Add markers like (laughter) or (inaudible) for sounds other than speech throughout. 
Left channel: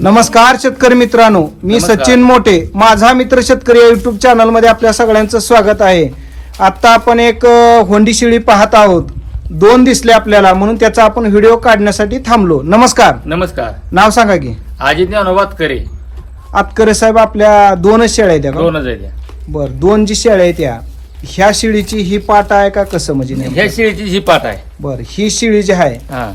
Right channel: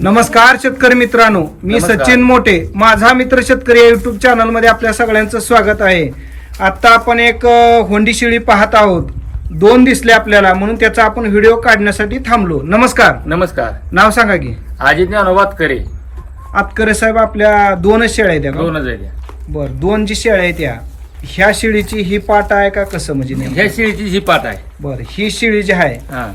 नमस्कार शेतकरी मित्रांनो मी नमस्कार. सचिन मोठे. माझा मित्र शेतकरी या युट्यूब चॅनलमध्ये आपल्या सगळ्यांचं स्वागत आहे. आता आपण एक अ, होंडी शिळी पाहत आहोत. दोन दिसले आपल्याला म्हणून त्याचा आपण व्हिडिओ काढण्यासाठी थांबलो. नमस्कार. नमस्कार. नाव सांगा की. अजित ज्ञानोबात करे आतकरे साहेब आपल्या दोनच शेळ्या आहेत त्या? दोनच. बर दोन जी शेळ्या आहेत त्या ह्या शिळीची ही पाट आहे का कसं? म्हणजे नेमकं? ह्या शेळीची ही पाट आहे. बर ही शिळी जी आहे हा.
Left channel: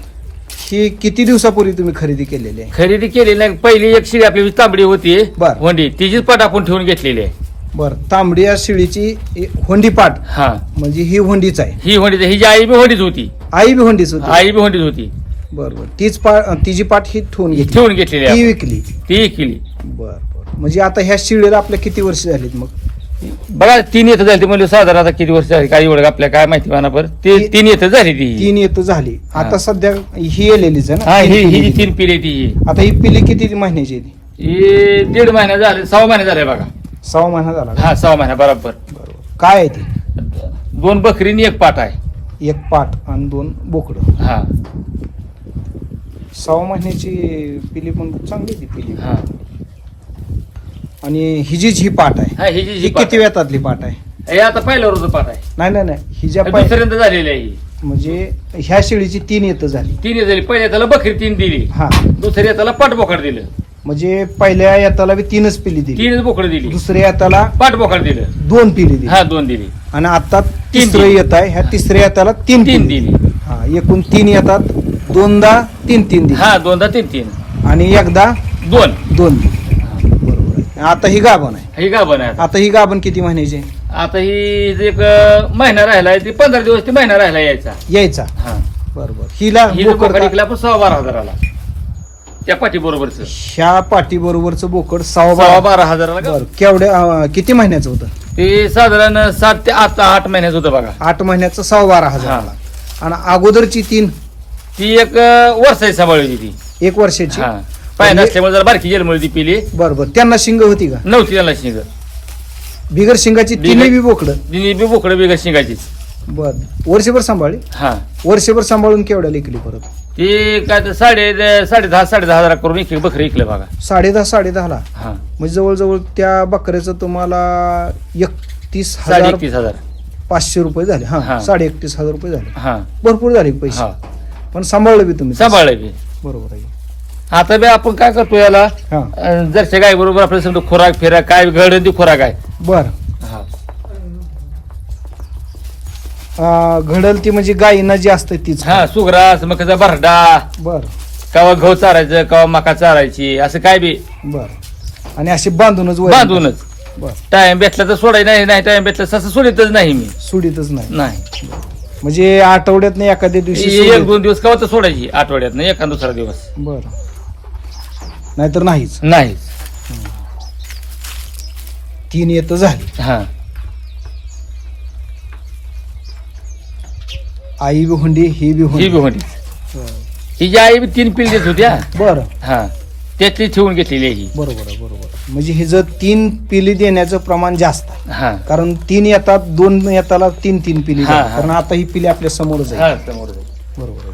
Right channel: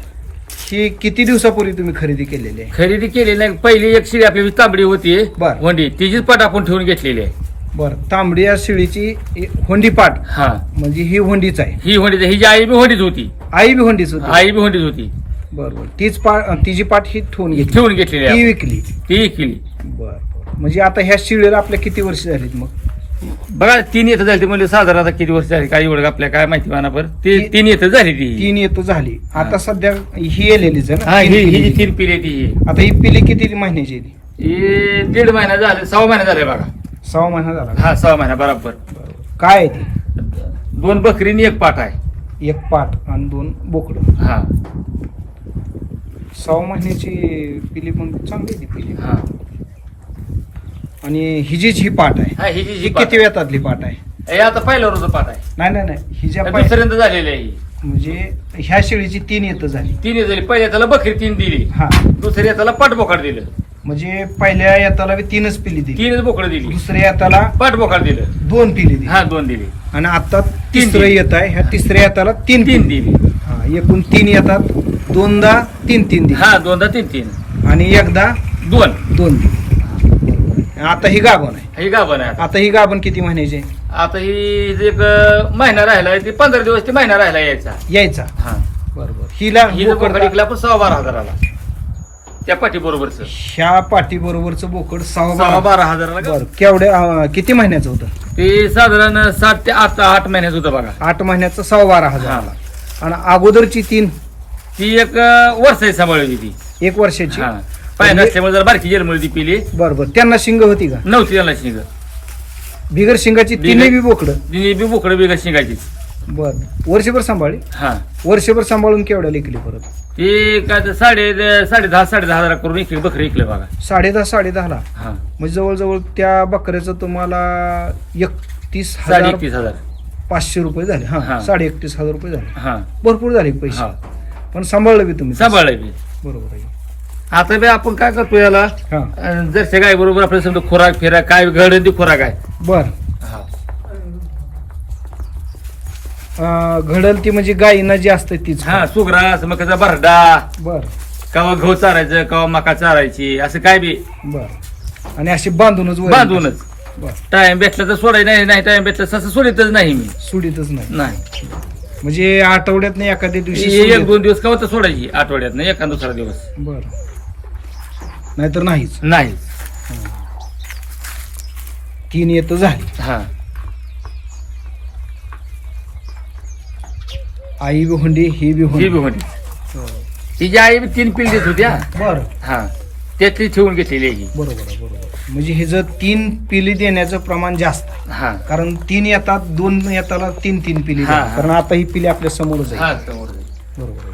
ही किती दिवसापूर्वी तुम्ही खरेदी केलेली? आहे खरेदी केलेली नाही. पहिली एक शिळी आपली तांबडी होती. बर. वंडी तिचीच पाट आपण ठेवून घेतलेली आहे. बर. तांबडी या शिळीची होंडी पाट. हा. म्हणजे ही होंडीच आहे. ही होंडी ही जी आई बी होंडीच होती. आई बी होंडीच होती. आई बी होंडीच होती. बरोबर तीच पाट तिची पाट ही ठेवून ही घेतली. ठेवून घेतलेली ती आहे विकली. ती केली बर बर. म्हणजे आता ह्या शिळेला आपल्या किती वर्ष झालीत मग? बघा तीन येतं झाली म्हणजे साधारण आता किती वर्ष झाली? काही एवढं आपल्या काय माहिती म्हणा पर ते ती- तीन येतं झाली ती. तीन येतो झाली. आता हा. सध्या ही येलेलीच आहे हा ना? ही तीन ही पिली. जी तीन पिढी ती. आता ही पिली किती महिन्याची आहे ती? ही दीड महिना झाले सहा महिना झाले बघा. सहा महिना झाला का? हा सहा महिना बरोबर. बरोबर. काय आहे ती? दोन बकरीनी एक पाट आहे. एक पाट आणि दोन बोकडं. हा. सहा महिन्याची पिली पण चांगली आहे ती पिली. हा. आणि ही ही पाट आहे हा, ही जी ही जी किती वेतातली पाट आहे? हे आता पहिलं रोज पाठ आहे. नाही नाही नाही. ही ज्या पाय दुसऱ्यांदा झालेलं आहे ही. म्हणजे ह्या शेळीची तीन येतं झाली. तीन झाली. पहिल्या त्याला बकरी तीन दिली. हा. दुसऱ्या त्याला पाठ बोकाड दिलं. म्हणजे पहिल्या येताला बी तीनच पिली दिली. तीनच बोकड दिली. दुसऱ्या येताला पाठ बोकाड दिलं. दोन पिली दिली. हा दोन दिली. आणि आता तीन तिसरं दिली. येत आहे. ह्या तिसऱ्या येताला तीन तीन पिली. दिली. हा एकूण तीन येतात. दोनदा तीन तीन दिली. हा दोनदा तीन तीन. आणि एकदा दोन. दोन दिली. आता ही गाभण आहे. हे गाभण आहे आता. ही गाभण किती महिन्याची आहे? आता ही एक अं, महिना राहिलाय ती पंधरा दिवस ती महिना राहिला यायचा यायचा? हा. बरोबर. हिला ही बोकड बोकड विकला पण सहा बारा हजाराला त्या पाठी बरोबरच ह्या पाठी बरोबरच बोकड सहा सहा बारा बारा हजाराला बर केवढ्या अं, किती महिन्याचं होतं? ते साधारण सात ते आठ आठ महिन्याच होतं बघा. आठ महिन्याचं सहा बारा हजाराला. आणि अगोदरची तीन? ती एक अं, वर्षाची सांभाळली ती. एक वर्षाची? हा. पाय नसल्यामुळे जर बारकी ती पिली. बरोबर. त्यांना शिंग होती का? नव्हती त्याला शिंग. बिगर शिंगाची बिगर- तिन्ही बी बोकडं. तिने बी बोकडं बिगर शिंगाची बर. वर्षभर सांभाळली? हा. वर्षभर सांभाळून केवढ्या लिकली परत? ती ते साडे साडे दहा साडे दहा हजार करून एक बकरी इकले बघा. साडे दहा हा. म्हणजे जवळजवळ त्या बकऱ्याचं तुम्हाला एकतीस साडे हजार एकतीस हजार. पाचशे रुपये झाले. हा हा. साडे एकतीस हजार रुपये झाले. हा. भरपूर झाले पैसे. हा. पण सांभाळलं बी तुम्ही सांभाळले बी. बरोबर आहे. आता बी आपण काय करतो याला? हा. अं, जरशा गाय बरोबर आपल्याला समजा खोराक फिराक काय घडण ती खोराक आहे. बर. घडल ती म्हणजे गायीनं जी असते तीच हा सुग्रास मकाचा भरडा. बर. कवा गहू चारायचं कवा मका चारायची असं काय बी. बर. आणि अशी बांधूनच वैरण बांधूनच. बर. टाइम भेटला तर सोडाय नाही नाही टाइम भेटला तसं सोडितच नाही मी. सुडीतच नाही. नाही. म्हणजे आठवड्यात नाही एखाद्या दिवशी एक सोडीत. दोन दिवस कवा तर सोडायची आठवड्यात नाही एका दुसरा दिवस. बर. नाहीतर नाहीच. नाही तीन येत झाली. हा. आई बी हुंडी ही बी ही हुंडी. बी होती तिची आई बी तीन पिल्लीच होत्या. बर. हा. त्यातली ठेवून घेतलेली आहे ही. बरोबर आहे, बरोबर. म्हणजे हे जर तीन पिली देण्याचं प्रमाण जास्त आहे. हा. कारण तीन येतात दोन येताला तीन तीन पिली हा, देतात. हा. कारण आता ही पिली आपल्या हा समोर बरोबर आहे.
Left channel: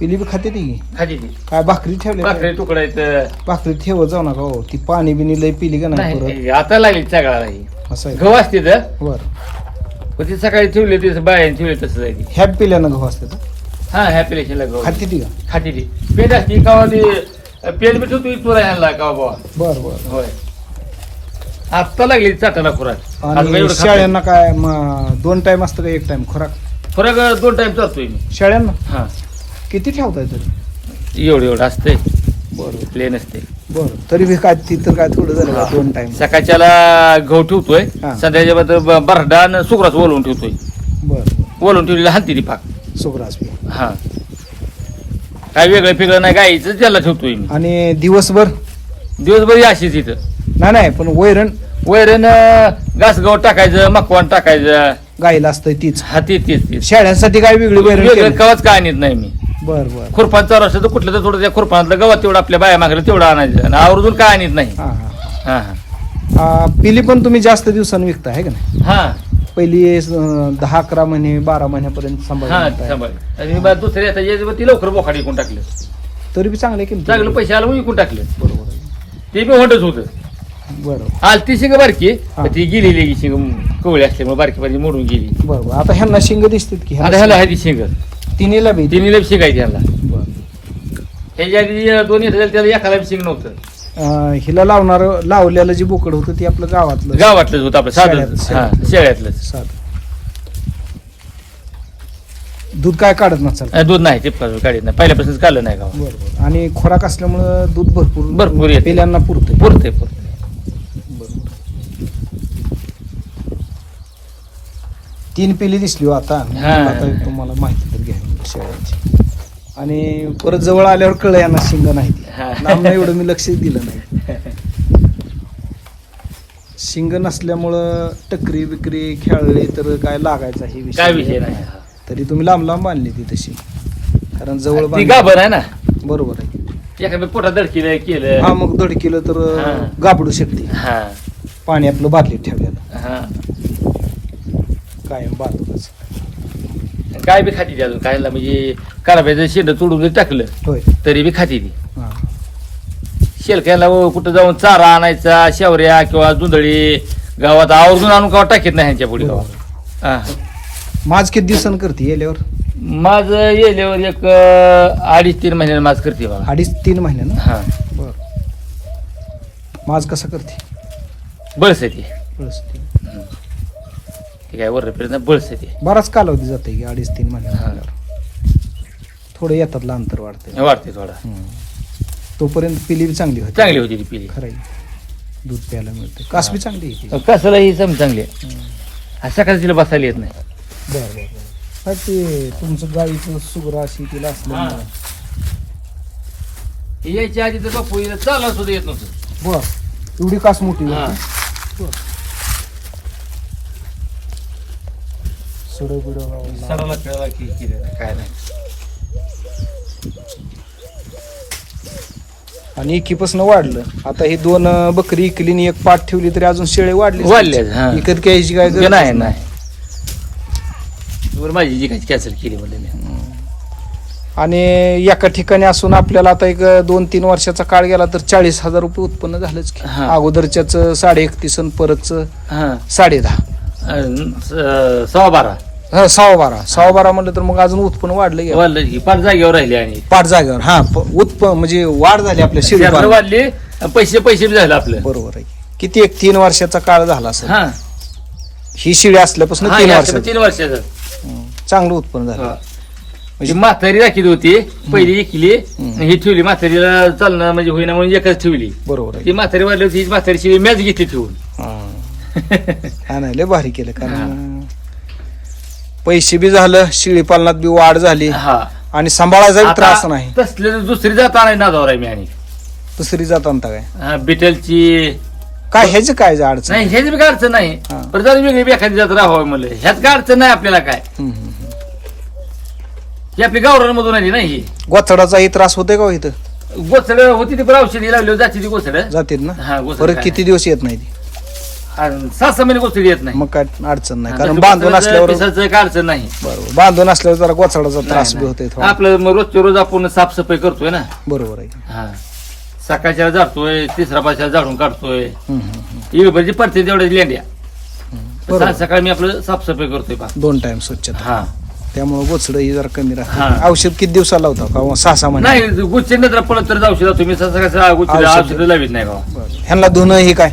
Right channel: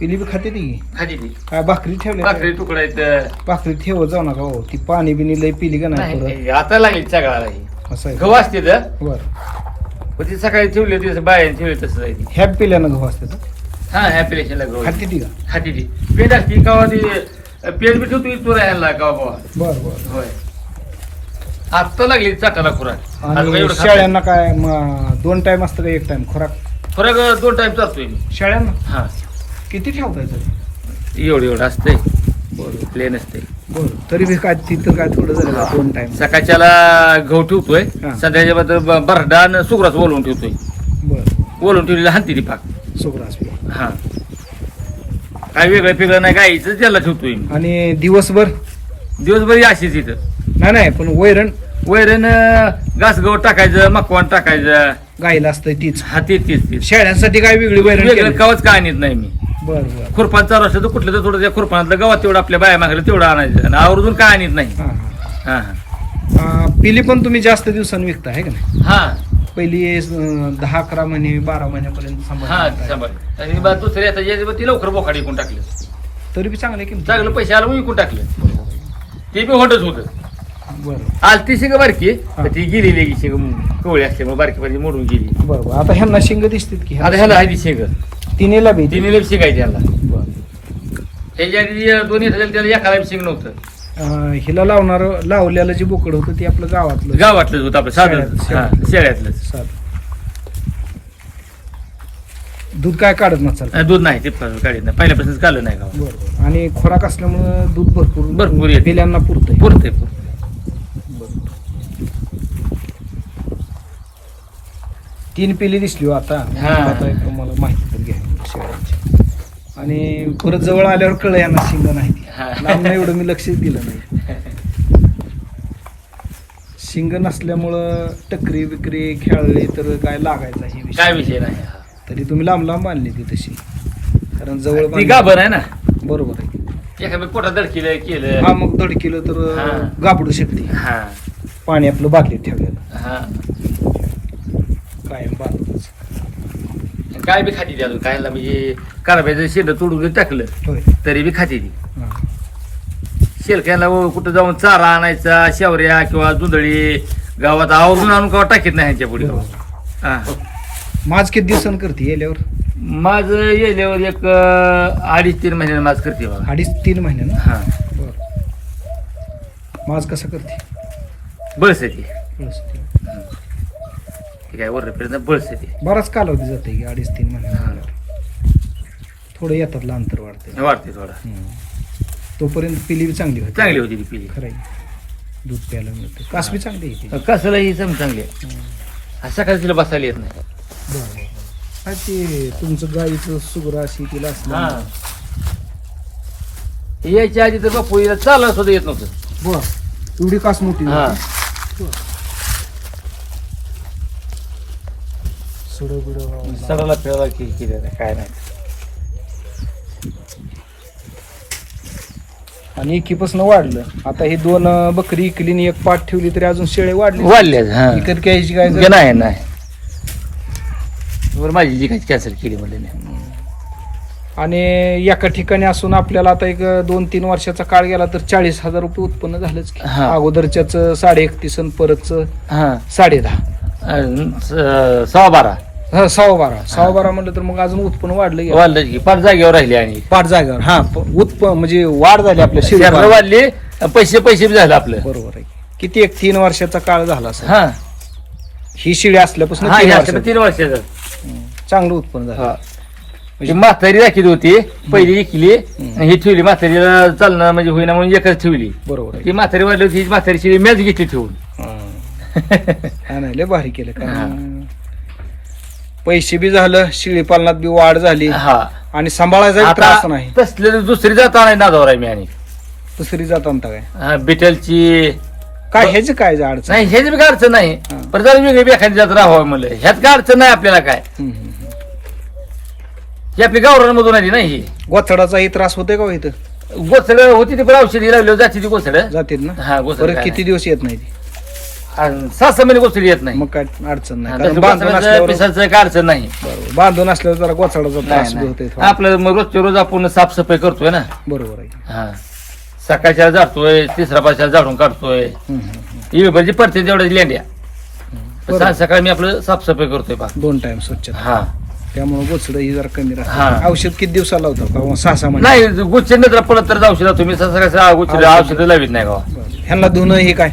पिली बी खाते ती? खाली ती. काय भाकरी ठेवल्या भाकरी तुकडा आहेत. भाकरी ठेवत जाऊ नका हो. ती पाणी बिनी लय पिली का नाही परत? नाही, आता लागली सगळ्याला ही. असं आहे गहू असते तर? बर. पण ती सकाळी ठेवली ती बाहेर ठेवली तसं जायची. ह्या पिल्यानं गहू असते हा ह्या गहू खाते ती का? खाती ती. पेट असते कवा ती पेट बी ठेवतो इथवर ह्याला कवा बाबा बर बर. होय. आत्ता लागली चाटाला खुराक. आता आणि एवढं शेळ्यांना काय म, दोन टाइम असतं का एक टाइम खुराक. खुराक दोन टाइम चालतोय मी. शेळ्यांना? हा. किती ठेवताय तरी? एवढं एवढं असतंय. बरं. प्लेन असते बरं. तरी बी काय ती तर काय थोडं झालं का? दोन टाइम सकाळच्याला गहू ठेवतोय. हा. संध्याच्या बद्दल बरडा आणि सुग्रास ओलवून ठेवतोय. बर. ओलवून ठेवलेली हानती ती पाक. सुग्रास बी. हा. काय वेगळं फिगळं नाही गाईचं त्याला ठेवतोय मी. आणि दिवसभर? दिवसभर अशीच इथं. नाही नाही पण वैरण? वैरण घास गहू टाकायचं मकवान टाकायचं. गायला असतंय तीच. हा ते तेच तेच. शेळ्यांसाठी काय वेगळी वैरण वेगळं कवाच काय आणत नाही मी. बर बर. असं तर कुठलं तर थोडं त्या गवत तेवढं आपल्या बाया मागलं तेवढं आणायचं. आणि आवर्जून काय आणत नाही. हा हा. हा. हा आ, पिली पण तुम्ही जास्त दिवसांनी विकता आहे का नाही? हा. पहिली अं, दहा अकरा महिने बारा महिन्यापर्यंत हा सांभाळ. आणि बा दुसऱ्या आता ती लवकर बोखाडी कोण टाकली. तरी बी चांगल्या किमती. चांगलं पैसे आलं विकून टाकलं. बरोबर. ते बी होतच होतं. बरोबर. आज ती शिंग बारकी हा. ती गेलेली शिंग कवळी असल्यामुळे बारकी बारकी मोडून गेली. बरोबर. आता ह्यांना शिंग दिसतात की आता ह्याला आहे ती शिंग. तिन्हीला बी तिन्ही शिकायची बरं. त्याच्या आधी दोन्ही त्याला नव्हतं अं, हिला लावणार लावलेलं जे बोकड होतं ते आपलं गावातलं. गावातलंच होतं आपलं साधं. हा. शेळ्यातलंच. साधं. दूध काय काढत नसाल? अं, दूध नाही ते काढत नाही. पहिल्यापासूनच काढलं नाही गावात. बरोबर आणि खोराक असल्यामुळं दूध भरपूर भरपूर येतं. पिल्यांना पुरतंय. पुरते पुरते तीन पिली दिसली हो आता. आता तुम्हाला माहिती तर घ्या शेळ्यांची. आणि परत जवळ आल्यावर कळलं यांना शिंग नाही एवढं मी लक्ष दिलं नाही. शिंग नसल्यामुळं टकरी बिकरी खेळले तर काय लागायचा हे काय विषय नाही. तरी तुम्ही लांब लांब बांधली ती तशी. कारण जवळ ती बांधली- गाभर आहे ना? बरोबर आहे. एखाद्या पोटात दडकीलं केलं. हा मग केलं तर हा. गाबडू शकते हा. पाणी आपलं बादलीत ठेवलेलं. हा. कायम बाजूलाच काय बी खाती ती अजून? काय म्हणजे कराब्याचं शेंड जरी टाकलं होय. तरी बी खाती ती. हा. शेलक्याला कुठं जाऊन चारा आणायचा शेवऱ्या किंवा जुंदळी गावात आवर्जून आणून गावात टाकीत नाही ह्यांच्या पुढे? बरोबर. हा. माझ किती दिवसानं करते येल्यावर? माझं येल्यावर एक अं, अडीच तीन महिन्याने माझ करते बाबा. अडीच तीन महिन्यानं? हा. बर. माझ कसं करते? बळस आहे ती बस ती काय वर फिरत बळस आहे ती. बराच कालावधी जाते की अडीच तीन महिन्यानं झाल्यावर. थोडं येतातलं अंतर वाढते वाढते थोडा. तोपर्यंत पिली बी चांगली होती. चांगली होती ती पिली. खरं आहे. दूध प्यायला मिळते कास बी चांगली तिची. कसला ही सम चांगली आहे. सकाळी तिला बसायला येत नाही. बरं बरं बरं. काय ते तुमचं गाईचं सुगरा अशी तिला असलं हा. यायच्या आधी तर बापू हिला चालला सुद्धा येत नव्हतं. बर. एवढी कास मोठी हा. सडं बिडं सडाला फिरायला की काय नाही. आणि एकीपासून वाढलं. आता ही दोन अं, बकरी इकली आणि एक पाठ ठेवली तरी अजून शेळे वाढली. वाढल्यात, हा. विकत घ्यायची काय गरज? नाही नाही. बरं माझी जी काही कॅन्सल केली म्हणजे मी. आणि एका ठिकाणी असून आपल्याला आता एक दोन तीन वर्षाचा काळ गेला तर चाळीस हजार रुपये उत्पन्न झालंच की. हा. अगोदरच्याच साडे एकतीस आणि परतच हा. साडे दहा. अं, स- सहा बारा. हा, सव्वा बारा सव्वा बारा म्हणलं तर मग अजून उत्पन्न वाढलं गेलं वाढलं की पाच जागेवर राहिली आणि. पाच जागेवर. हा प- उत्पन्न म्हणजे वाढ झाली आपल्या शेळी. वाढली पैसे पैसे बी झालं आपलं. बरोबर आहे. किती एक तीन वर्षाचा काळ झाला सर हा. ही शिडी असल्यापासून हा, तीन या वर्षात तीन वर्षाचं चांगलं उत्पन्न झालं. हा. म्हणजे म्हातारी दाखवली होती पहिली एकली हम्म. ही ठेवली म्हातारीला चालणं म्हणजे होईना म्हणून एकच ठेवली. बरोबर ती आहे म्हातारी वाढली होती ही म्हातारी शिवी मॅच घेतली ठेवून. हा. (laughs) हा नाही लय भारी केलं कारण पैसे बी झालं शेळी पालनात बी वाढ झाली. हा. आणि सांभाळायचा बी त्रास आता नाही. तसले दुसरी जात नाही नादावर आहे मी आणि. दुसरी जात आणता काय? हा, बिटलची. काय ह्याच काय अडचण? नाही ह्याची बी काय अडचण नाही. हा. पण जरा वेगळी एखादी जात राहावं म्हणलं. ह्यात काय अडचण नाही आपल्याला काय? हम्म, हम्म, हम्म. ही आपली गावरांमधून आली नाही ही. गोथडाचाही त्रास होते का हो इथं? गोसड होती ती पण औषधी लागली जाते ती गोसड जातील ना? हा परत काय किती दिवस येत नाही ती? आणि सहा सहा महिने गोसडी येत नाही. मग काय अडचण नाही कारण बांधून असल्यावर पिसाचं काय अडचण नाही. बरोबर बांधून असल्यावर जरा गोथडाचा त्रास बी होतोय. थोडा. आपलं मग रोजच्या रोज आपण साफसफाई करतोय ना. बरोबर आहे. हा. सकाळच्या जातोय तिसरा पाचच्या झाडून काढतोय. इकडे पडते तेवढ्या लेंड्या. बरोबर. सकाळ- सकाळी मी आपलं साफसफाई करतोय बा. दोन टाइम स्वच्छता. हा. त्यामुळे गोचड ही जरा कमी राहते. हा. औषध किती दिवसाला लावता का? सहा सहा महिने. नाही गुच्छ नेत्र पडत तर औषध तुम्ही सकाळचं गुच्छ औषध. औषध. लावित नाही. ह्यांना धुणं हे काय?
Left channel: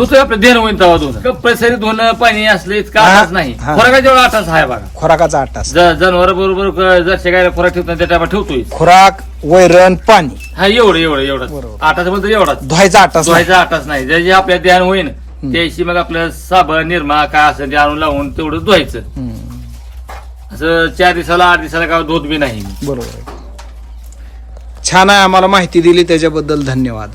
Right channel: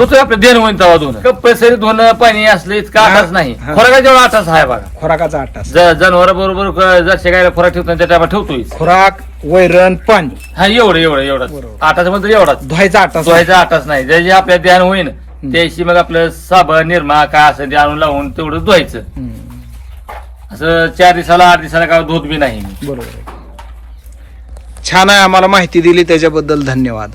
दुसरं आपलं देण होईन तवा दोन. कंपल्सरी धुणं पाणी असलं इतकं आटाच नाही. हा. फरका जेवढा आटाच आहे बघा. खुराकाचा तास. जनावर बरोबर जरशे गायला फरक ठेवतो त्या टायमा ठेवतोय. खुराक वैरण पाणी. हा एवढं एवढं एवढं. बरोबर. आटाच म्हणतो एवढाच. धुवायचा नाही. धुवायचा आटाच नाही. जे जे आपल्या ध्यान होईन त्याशी मग आपलं साबण निर्मा काय असं ते आणून लावून तेवढं धुवायचं. हम्म. असं चार दिवसाला आठ दिवसाला काय धुत बी नाही. बरोबर. आहे छान आहे आम्हाला माहिती दिली त्याच्याबद्दल धन्यवाद.